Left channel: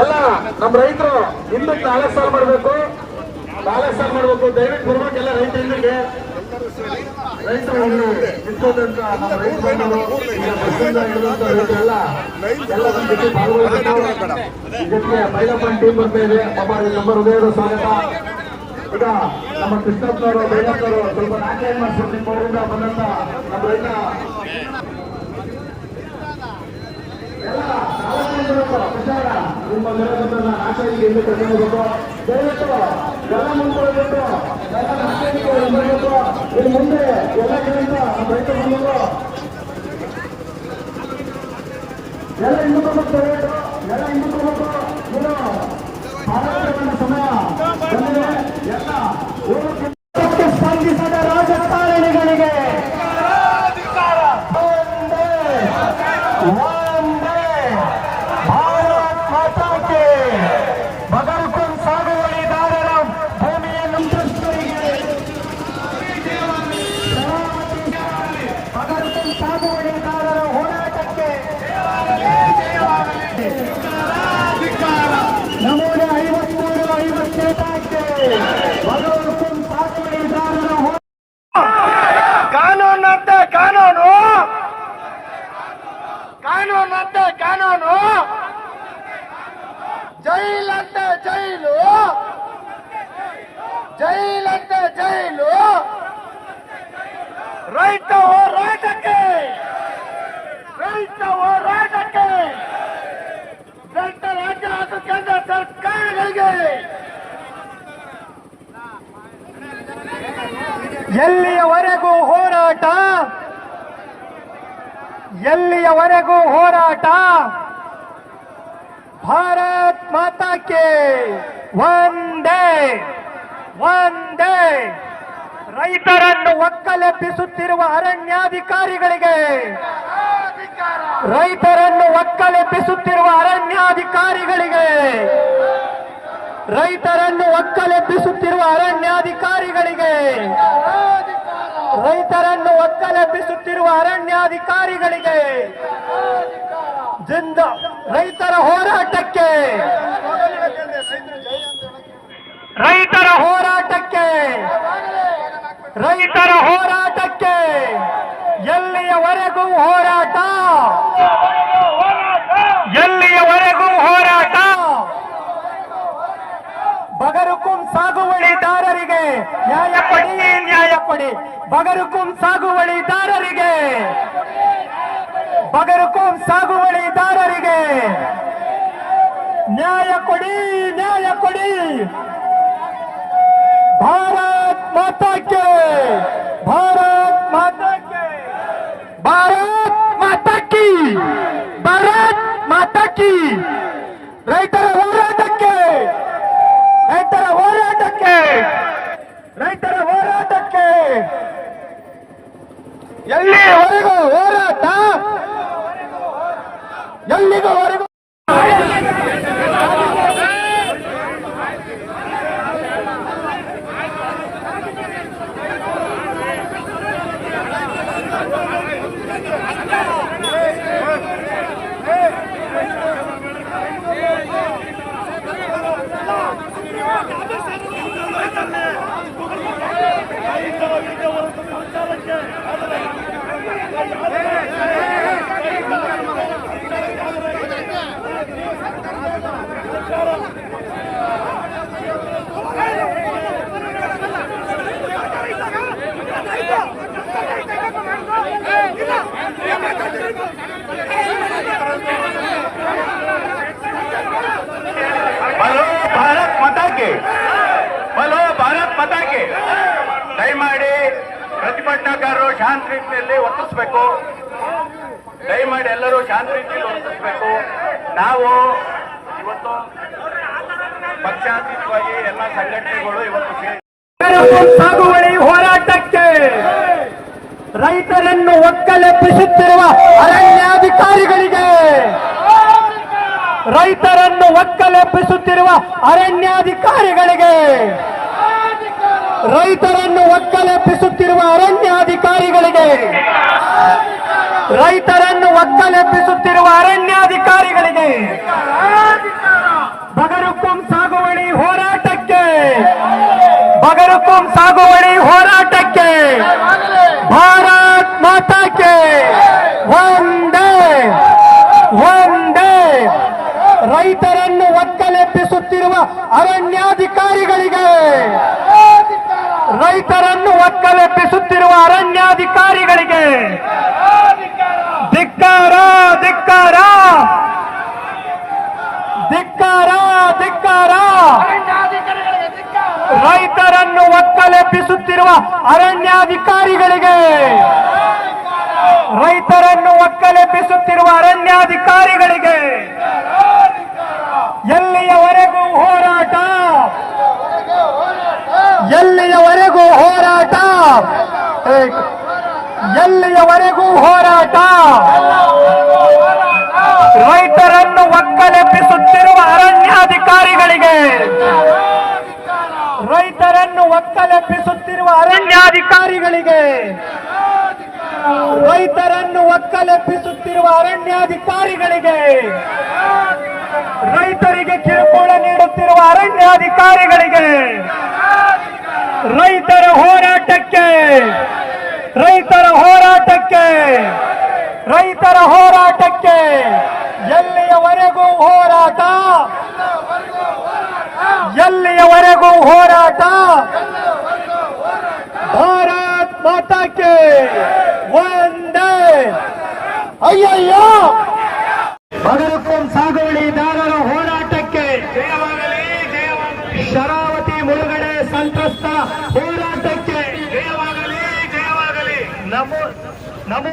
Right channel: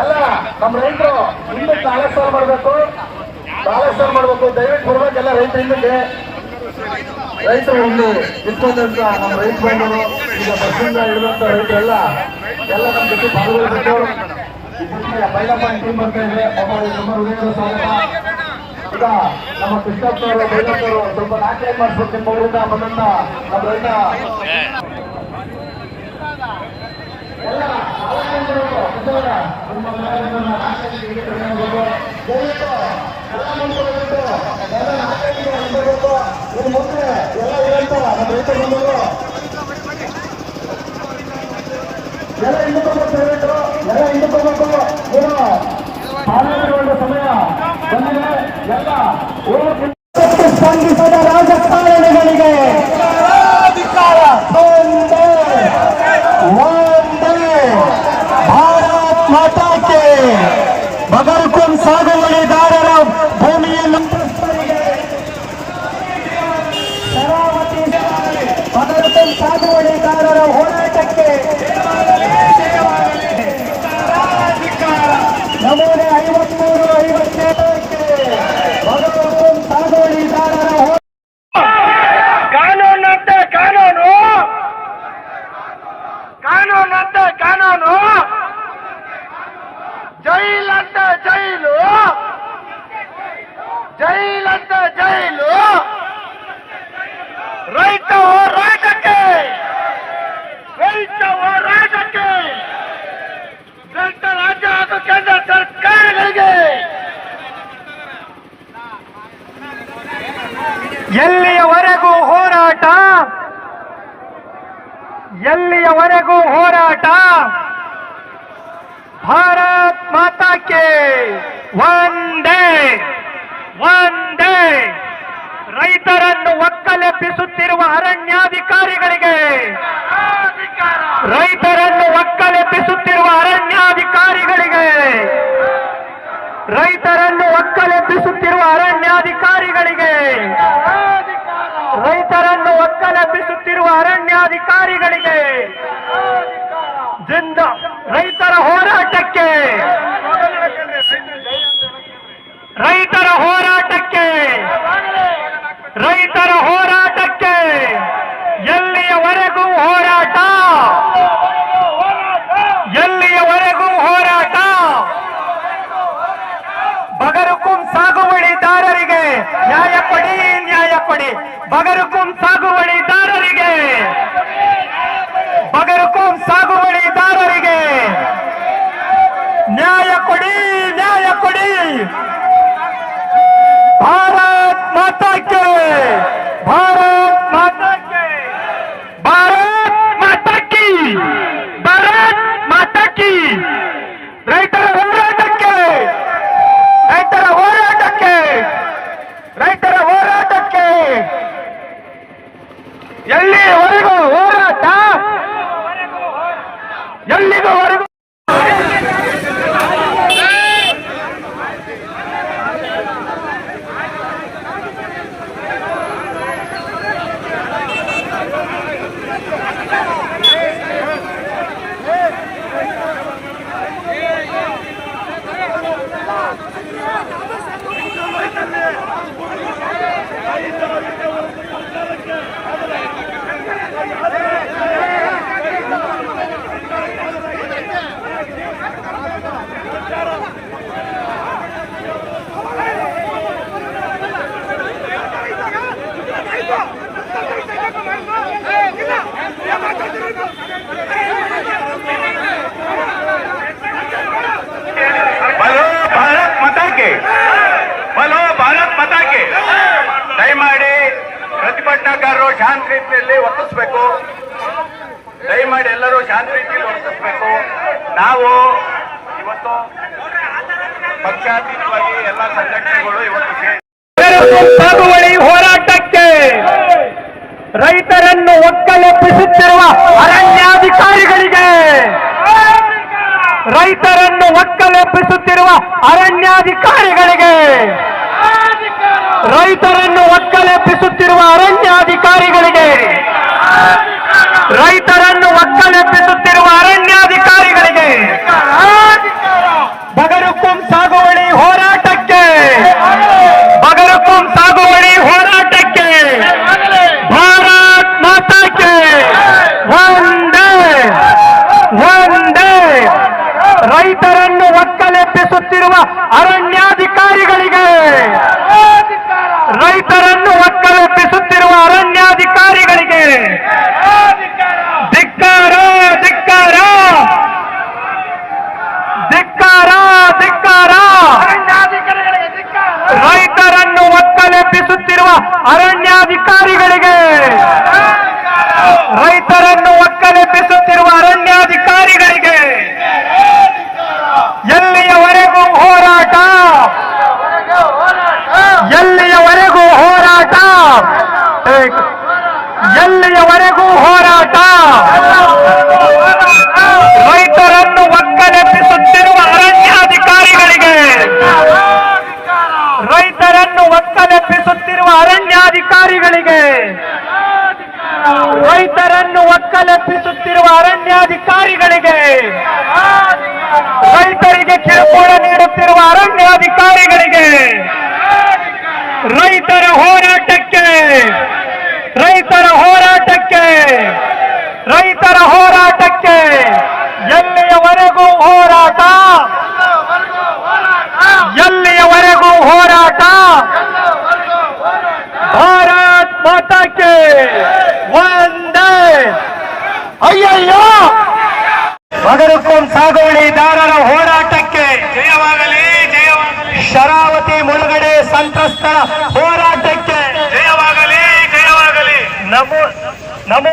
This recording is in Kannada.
ಎಲ್ಲ ನಮ್ಮ ರೈತರು ಹಿಂದಕ್ಕೆ 4 ಸಾಲ ಮಾಡಬೇಕು, 4 ಸಾಲ ಮಾಡಬೇಕು. ದಯವಿಟ್ಟು ಬರ್ಬೇಕು ಎಲ್ಲ ರೈತರು ಹಿಂದಕ್ಕೆ. ರೈತರು ಒಂದು ನಿಂತ್ಕೊಂಡಂತ ನಮ್ಮ ರೈತ ಬಂಧುಗಳು ಈಗ ಬಸ್ಸಿಂದ ಹಿಡಿದಂತ ರೈತರೆಲ್ಲ ನಮ್ಮ ಜೊತೆ ಪಾಲ್ಗೊಳ್ಬೇಕು. ಇದಕ್ಕೆ ಬೈಲಪ್ಪನ ಟೀಮ್ ಬರ್ತಾ ಇದೆ. ನಮ್ಮ ಹೃದಯದ ಸ್ವಾಗತ. ಈಗ ನಮ್ಮ ಕೃಷ್ಣಪ್ಪನವರು ಬೈಲಪ್ಪನವರು ಸ್ವಲ್ಪ ನಾಟ್ಯ ಮಾಡಿಸ್ಬೇಕು. ನಿಮ್ಮ ಊರಿಂದ ಬಂದಂತ ನಮ್ಮ ರೈತ ಎಲ್ಲ ನಿಮ್ಮ ನಾಟ್ಯಕ್ಕೆ ಕರ್ಕೊಂಡು ದಯವಿಟ್ಟು ಎಲ್ಲ ಮುಂದ್ಕೊಳ್ಬೇಕು. ಎಲ್ಲ ನಾಟ್ಯಕ್ಕೆ ಬರಬೇಕು. ಇಲ್ಲಿ ಮುಂದೆ ಎಲ್ಲ ಇರಂತ ನಮ್ಮ ರೈತ ಬಂಧುಗಳು ಎಲ್ಲ ಹಿಂದಕ್ಕೆ ದಯವಿಟ್ಟು ಎಲ್ಲ ಹಿಂದಕ್ಕೆ ನೀನು ಪಾಲನೆಗೊಂಡ ಸಮಯ ಬಂದಿದೆ. ಎಲ್ಲ ಸ್ಪಂದಿಸದ ರಾಜಕಾರಣಿಗಳಿಗೆ ಭಾರತ್ ಮಾತಾಕ್ಕೆ ಬಗರ್ಕುಂ ಸಾಗುವಳಿದಾರರ ಭೂಮಿಯ ನಂತರಸ್ಥರಿಗೆ ಬಗರ್ಕುಂ ಸಾಗುವಳಿದಾರರ ಹೋರಾಟಕ್ಕೆ ನಮೂನ 53-57ಕ್ಕೆ ಬಗರ್ಕುಂ ಸಾಗುವಳಿದಾರರ ಕಾನೂನಂತೆ ಕಾನೂನು, ಕಾನೂನಂತೆ ಕಾನೂನು, ಜೈಲಂತೆ ಜೈಲು, ಜೈಲಂತೆ ಜೈಲು. ರೈತ ಹೋರಾಟಕ್ಕೆ, ರೈತ ಹೋರಾಟಕ್ಕೆ ರಾಜ್ಯ ಹಾಗೂ ಕೇಂದ್ರ ಸರ್ಕಾರಗಳಿಗೆ ಎಲ್ಲಿಯವರೆಗೂ ಹೋರಾಟ, ಎಲ್ಲಿಯವರೆಗೂ ಹೋರಾಟ. ಭಾರತ್ ಮಾತಾಕ್ಕೆ ಒಂದೇ ಒಂದೇ. ರೈತರನ್ನು ಒಕ್ಕಲೆಬ್ಬಿಸುತ್ತಿರುವ ಅರಣ್ಯಾಧಿಕಾರಿಗಳಿಗೆ, ರೈತರನ್ನು ಒಕ್ಕಲೆಬ್ಬಿಸುತ್ತಿರುವ ಅರಣ್ಯಾಧಿಕಾರಿಗಳಿಗೆ, ರೈತರನ್ನು ಒಕ್ಕಲೆಬ್ಬಿಸುತ್ತಿರುವ ಅರಣ್ಯಾಧಿಕಾರಿಗಳಿಗೆ, ರೈತರನ್ನು ಒಕ್ಕಲೆಬ್ಬಿಸುತ್ತಿರುವ ಅರಣ್ಯಾಧಿಕಾರಿಗಳಿಗೆ ಜಿಂದ ರೈತರ ಹೋರಾಟಕ್ಕೆ, ರೈತರ ಹೋರಾಟಕ್ಕೆ, ರೈತರ ಹೋರಾಟಕ್ಕೆ. ಎಲ್ಲಿಯವರೆಗೂ ಹೋರಾಟ, ಎಲ್ಲಿಯವರೆಗೂ ಹೋರಾಟ. ಬಗರ್ಕುಂ ಸಾಗುವಳಿದಾರರಿಗೆ ನ್ಯಾಯ ಕೊಡಿ, ನ್ಯಾಯ ಕೊಡಿ. ಬಗರ್ಕುಂ ಸಾಗುವಳಿದಾರರಿಗೆ, ಬಗರ್ಕುಂ ಸಾಗುವಳಿದಾರರಿಗೆ ನ್ಯಾಯ ಕೊಡಿ, ನ್ಯಾಯ ಕೊಡಿ. ಭಾರತ್ ಮಾತಾಕ್ಕೆ, ಭಾರತ್ ಮಾತಾಕ್ಕೆ, ಭಾರತ್ ಮಾತಾಕಿ, ಭಾರತ್ ಮಾತಾಕಿ. ರೈತರ ಹೋರಾಟಕ್ಕೆ, ರೈತರ ಹೋರಾಟಕ್ಕೆ, ರೈತರ ಹೋರಾಟಕ್ಕೆ. ಎಲ್ಲಿವರೆಗೂ ಹೋರಾಟ, ಎಲ್ಲಿವರೆಗೂ ದಯಮಾಡಿ ಪ್ರತಿಭಟನಾಕಾರರು ಶಾಂತ ರೀತಿಯಲ್ಲಿ ವರ್ತಿಸಬೇಕು. ದಯಮಾಡಿ ಎಲ್ಲರೂ ಶಾಂತ ರೀತಿಯಲ್ಲಿ ವರ್ತಿಸಬೇಕು. ನಾವು ಇವತ್ತು ಪಕ್ಷಾತೀತವಾಗಿ ಎಲ್ಲ ಸಂಘಟನೆಗಳು ಇವತ್ತು ಸಾಗುವಳಿ ಹೋರಾಟಕ್ಕೆ ರೈತರನ್ನು ಒಕ್ಕಲೆಬ್ಬಿಸುತ್ತಿರುವ ಅರಣ್ಯಾಧಿಕಾರಿಗಳಿಗೆ, ರೈತರನ್ನು ಒಕ್ಕಲೆಬ್ಬಿಸುತ್ತಿರುವ ಅರಣ್ಯಾಧಿಕಾರಿಗಳಿಗೆ, ರೈತರನ್ನು ಒಕ್ಕಲೆಬ್ಬಿಸುತ್ತಿರುವ ಅರಣ್ಯಾಧಿಕಾರಿಗಳಿಗೆ, ರೈತರನ್ನು ಒಕ್ಕಲೆಬ್ಬಿಸುತ್ತಿರುವ ಅರಣ್ಯಾಧಿಕಾರಿಗಳಿಗೆ ಬಗರುಕುಂ ಸಾಗುವಳಿ ಹೋರಾಟಕ್ಕೆ ಬಗರುಕುಂ ಸಾಗುವಳಿ ಹೋರಾಟಕ್ಕೆ ಭಾರತ್ ಮಾತಾಕ್ಕೆ ಒಂದೇ ಒಂದೇ ರೈತರನ್ನು ಒಕ್ಕಲೆಬ್ಬಿಸುತ್ತಿರುವ ಅರಣ್ಯಾಧಿಕಾರಿಗಳಿಗೆ ರೈತರನ್ನು ಒಕ್ಕಲೆಬ್ಬಿಸುತ್ತಿರುವ ಅರಣ್ಯಾಧಿಕಾರಿಗಳಿಗೆ ಧಿಕ್ಕಾರ ಧಿಕ್ಕಾರ ಧಿಕ್ಕಾರ ಧಿಕ್ಕಾರ ರೈತರನ್ನು ಒಕ್ಕಲೆಬ್ಬಿಸುತ್ತಿರುವ ಅರಣ್ಯಾಧಿಕಾರಿಗಳಿಗೆ ರೈತರನ್ನು ಒಕ್ಕಲೆಬ್ಬಿಸುತ್ತಿರುವ ಅರಣ್ಯಾಧಿಕಾರಿಗಳಿಗೆ ಎಲ್ಲಿಯವರೆಗೂ ಹೋರಾಟ ಎಲ್ಲಿಯವರೆಗೂ ಹೋರಾಟ ಎಲ್ಲಿಯವರೆಗೂ ಹೋರಾಟ ರೈತರನ್ನು ಒಕ್ಕಲೆಬ್ಬಿಸುತ್ತಿರುವ ಅರಣ್ಯಾಧಿಕಾರಿಗಳಿಗೆ ರೈತರನ್ನು ಒಕ್ಕಲೆಬ್ಬಿಸುತ್ತಿರುವ ಅರಣ್ಯಾಧಿಕಾರಿಗಳಿಗೆ ರೈತರನ್ನು ಒಕ್ಕಲೆಬ್ಬಿಸುತ್ತಿರುವ ಅರಣ್ಯಾಧಿಕಾರಿಗಳಿಗೆ ರೈತರಿಗೆ ಕಿರುಕುಳ ನೀಡುತ್ತಿರುವ ಅರಣ್ಯಾಧಿಕಾರಿಗಳಿಗೆ ರೈತರ ಹೋರಾಟಕ್ಕೆ ರೈತರ ಹೋರಾಟಕ್ಕೆ ರೈತರ ಹೋರಾಟಕ್ಕೆ ಎಲ್ಲಿಯವರೆಗೂ ಹೋರಾಟ ಎಲ್ಲಿಯವರೆಗೂ ಹೋರಾಟ ಭಾರತ್ ಮಾತಾಕ್ಕೆ ಒಂದೇ ಅಯ್ಯಯ್ಯೋ ಬಗರುಕುಂ ಸಾಗುವಳಿದಾರರ ಹೋರಾಟಕ್ಕೆ ಜಯವಾಗಲಿ ಜಯವಾಗಲಿ ಶರಾವತಿ ಮುಳುಗಡೆ ಸಂತ್ರಸ್ತರ ಹೋರಾಟಕ್ಕೆ ಜಯವಾಗಲಿ ಜಯವಾಗಲಿ ನಮೋ ನಮೋ